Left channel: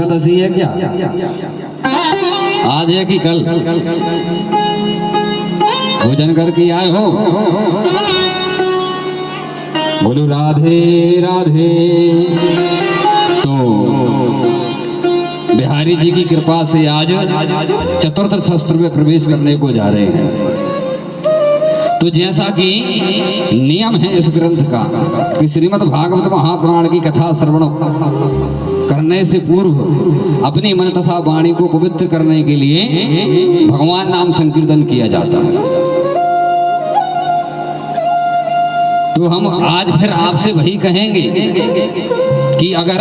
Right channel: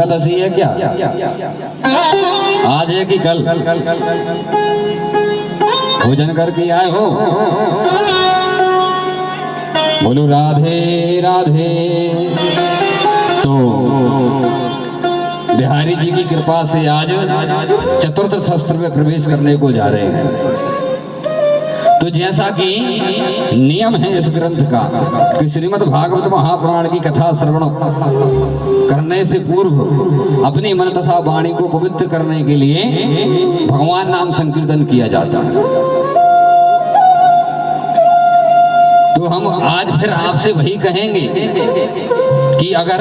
एकादशी है क्या? आज है कि कल? भोजन करके आए हो? बोलो राधे राधे। तो बिहारी जी की कृपा से आज चतुर्थ शस्त्र में प्रवेश करने को जा रहे हैं। तो जैसा कि नियम है इस ग्रंथ का कि श्रीमद् भागवत महापुराण की कथा श्रवण करने से पूर्व अपनी मन तथा वाणी को पवित्र करने के लिए भगवान नाम संकीर्तन किया जाता है। तो हम आज फिर आपसे वही कहेंगे कि अगर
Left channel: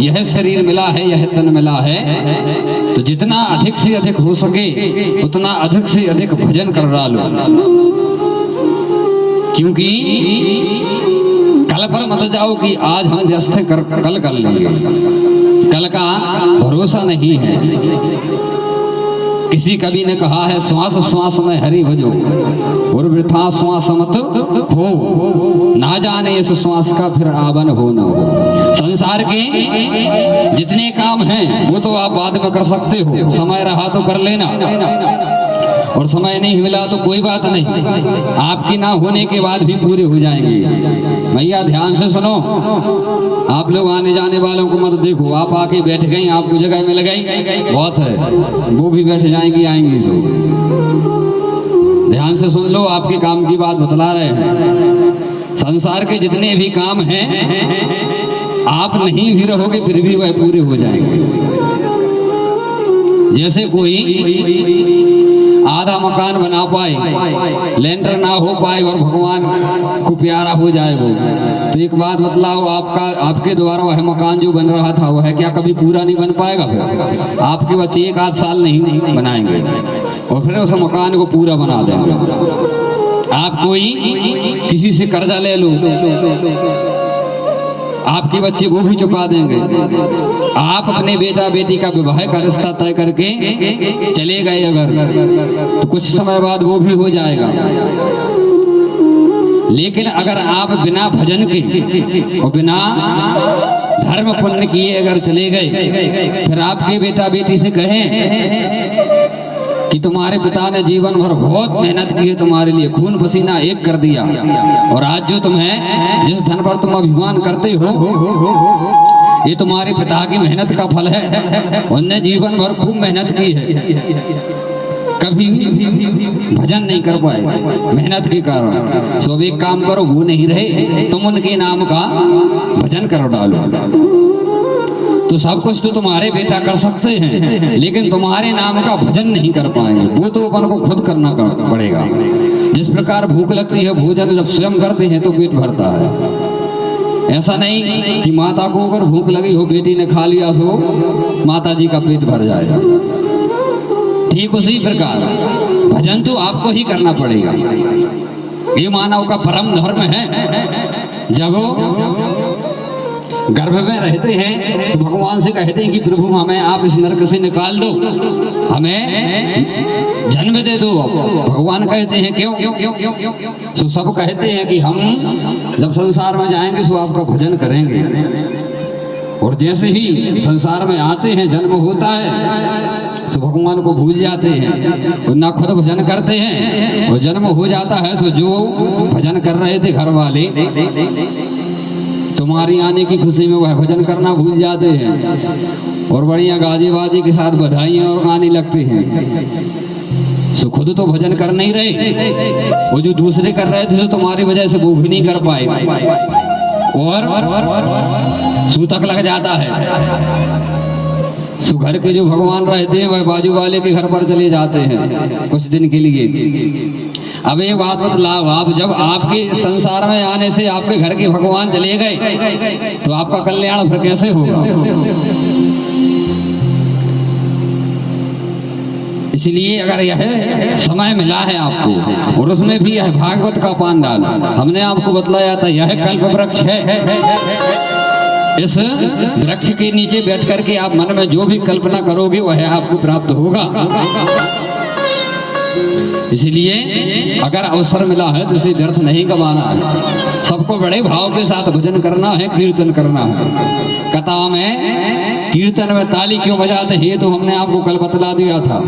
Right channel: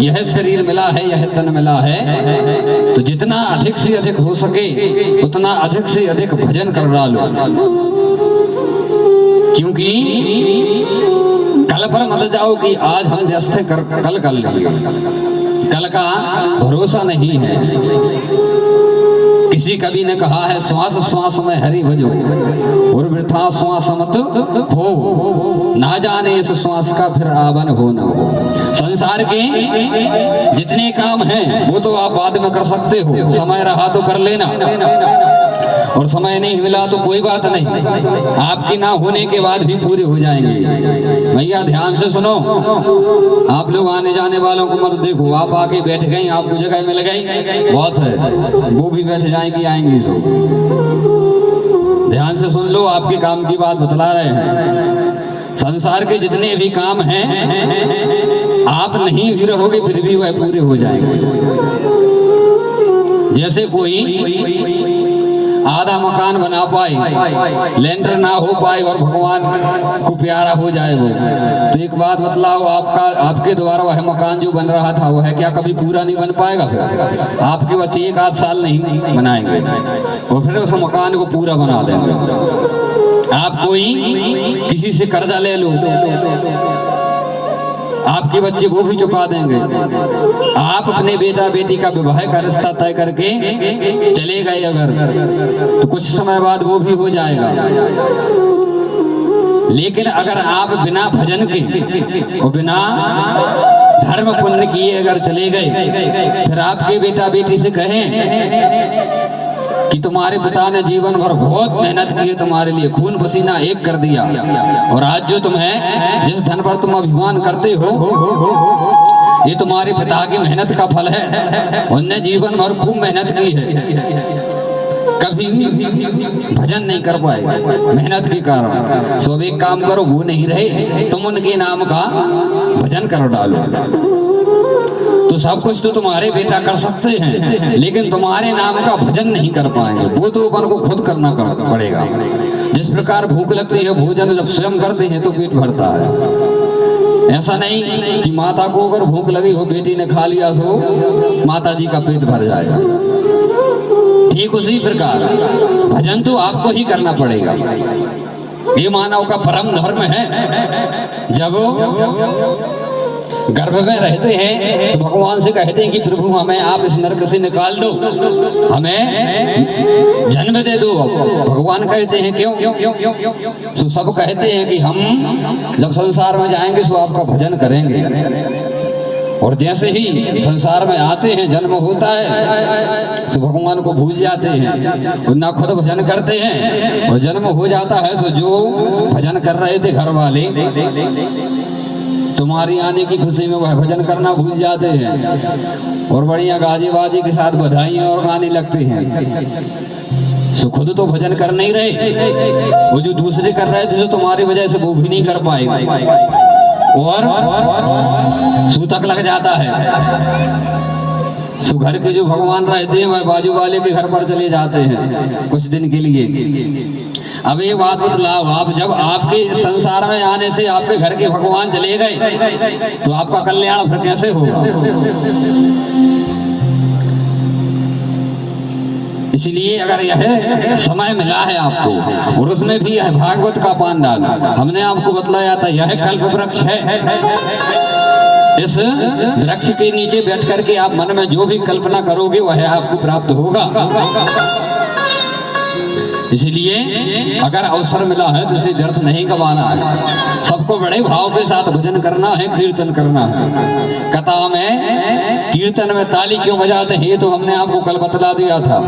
यह शरीर मिला है, यह तन मिला है, तो जितना अधिक से अधिक हो सके उतना अधिक से अधिक भजन कर डालो, क्योंकि कल पर मत जाओ कि आज हम व्यस्त कल कर लेंगे। कल का भरोसा नहीं है। किसी कवि ने कहा है, श्वास श्वास में हरि भजो और वृथा श्वास मत खो, ना जाने इस श्वास का फिर आवन हो न हो। संसार के जितने काम हैं वो तो आप बाद में कर सकते हो, समय रहा तो कर लेना, और समय नहीं मिला तो कोई बात नहीं, आपकी ना होने के बाद भी पूरे हो जाएंगे। भैया ध्यान से सुनो, आप लोग आने जाने वालों को मत देखो। आप आके बैठ गई, आपको जगह मिल गई, बहुत है, वो भी बैठ जाएंगी, आएंगी सब। ध्यान से सुन लो, आपके काम की बात बतला रहे हैं। संसार के जितने भी काम हैं आप नहीं भी रहोगे फिर भी वह पूरे हो जाएंगे। जैसे कोई आधा मकान बना पाए, लेंटर ना हो पाए और भगवान को प्यारा हो जाए वो, तो एक बात बतलाओ, आपके द्वारा वह मकान जो बन रहा था वह क्या कभी पूरा नहीं बन पाएगा? फिर आपके बच्चे एक आध साल नहीं बनाएंगे और फिर उस मकान को पूरा बना देंगे। आप कोई किसी से कर्जा ले लो, आपके बच्चे वो भी चुका देंगे। आप अपने बेटा बेटी का विवाह का रिश्ता तय करके चले गए अगर, तो कुछ समय बाद वो भी हो जाएगा। लेकिन अगर आप बिना भजन के और बिना धर्म पुण्य किए अगर चले गए, फिर आपके बेटा बेटी से कहें कि तुम्हारे पिता ने जीवन भर बहुत मेहनत की है, तुम्हारे लिए खून पसीना एक कर दिया, और आज जो तुम्हें जिस धन पर तुम अभिमान करते हो ये तुम्हारे पिता की मेहनत का फल है। उनने जीवन भर खूब मेहनत की है, कभी भजन नहीं कर पाए मेहनत के कारण। सो एक काम करो, वो नहीं रहे, तुम उनके नाम का भजन कर डालो। तो सब कुछ तो तुम्हारे बेटा कर सकते हैं, लेकिन तुम्हारे नाम का भजन नहीं कर पाएंगे। वो तो अपन को खुद करना पड़ेगा। जिस प्रकार भूख लगती है, भोजन जब स्वयं करते हैं तो पेट भरता है। ऐसा नहीं कि माता को अगर भूख लगी हो, बेटी ने खा लिया सो माता जी का पेट भर जाएगा। ठीक उसी प्रकार भजन तो आपको ही करना पड़ेगा। ये मानव का परम धर्म है। जब गर्भ में रहते हैं तो भगवान से कहते हैं कि प्रभु हमें आप इस नरक से निकाल दो, हमें जन्म दे दो। भगवान कहते हैं क्यों? तो सब कहते हैं कि हम जब संसार में जाएंगे तो आपका भजन करेंगे। और जैसे ही संसार में आते हैं, जन्म होता है, तो भगवान को भूल जाते हैं, ना खुद भजन करते हैं, और जन्म हो जाता है तो जो भजन कर रहे थे घर वाले, तुम्हारी आने की खुशी में वह भजन करना भूल जाते हैं और बढ़िया गाजी बाजी के साथ बधाइयां और गाने लगते हैं। सो खुद तो भजन कर नहीं रहे, वो जो दूसरे कर रहे थे, जो तुम्हारी वजह से वो भी नहीं कर पाए और सूतक लग जाता है। सो घर के जो भगवान रहते हैं वह बाजू वाले के घर पर चले जाते हैं कुछ दिन के लिए। अब ये बात बतलाओ, आप जब आपके संसार में आने से आपके घर के भगवान चले गए तो आपका कल्याण फिर कैसे होगा? इसलिए अगर यह समय मिला है आपको, और उसमें भी यह भागवत का पान डाला, हमने आपको बतलाया था यह कल्प वृक्ष है। इस वृक्ष के नीचे बैठ करके आप मन में जो भी कल्पना करोगे वह आपको प्राप्त होगा। इसलिए अगर अवसर मिला है तो इसे व्यर्थ नहीं गवाना है। सबको बड़े भाव के साथ भजन करना है, कीर्तन करना है। कथा में कीर्तन में ताली क्यों बजाते हैं, ये तो हमने आपको कल बतला दिया था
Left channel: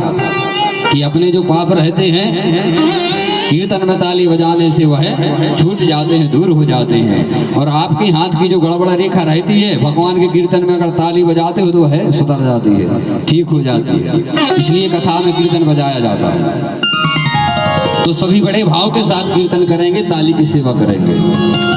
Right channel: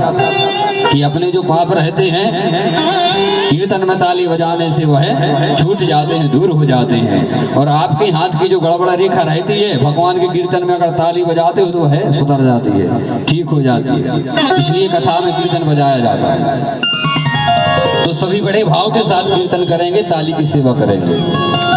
कि अपने जो पाप रहते हैं कीर्तन में ताली बजाने से वह छूट जाते हैं, दूर हो जाते हैं। और आपके हाथ की जो गड़बड़ रेखा रहती है, भगवान के कीर्तन में अगर ताली बजाते हो तो वह सुधर जाती है, ठीक हो जाती है। इसलिए कथा में कीर्तन बजाया जाता है। तो सभी बड़े भाव के साथ कीर्तन करेंगे, ताली की सेवा करेंगे।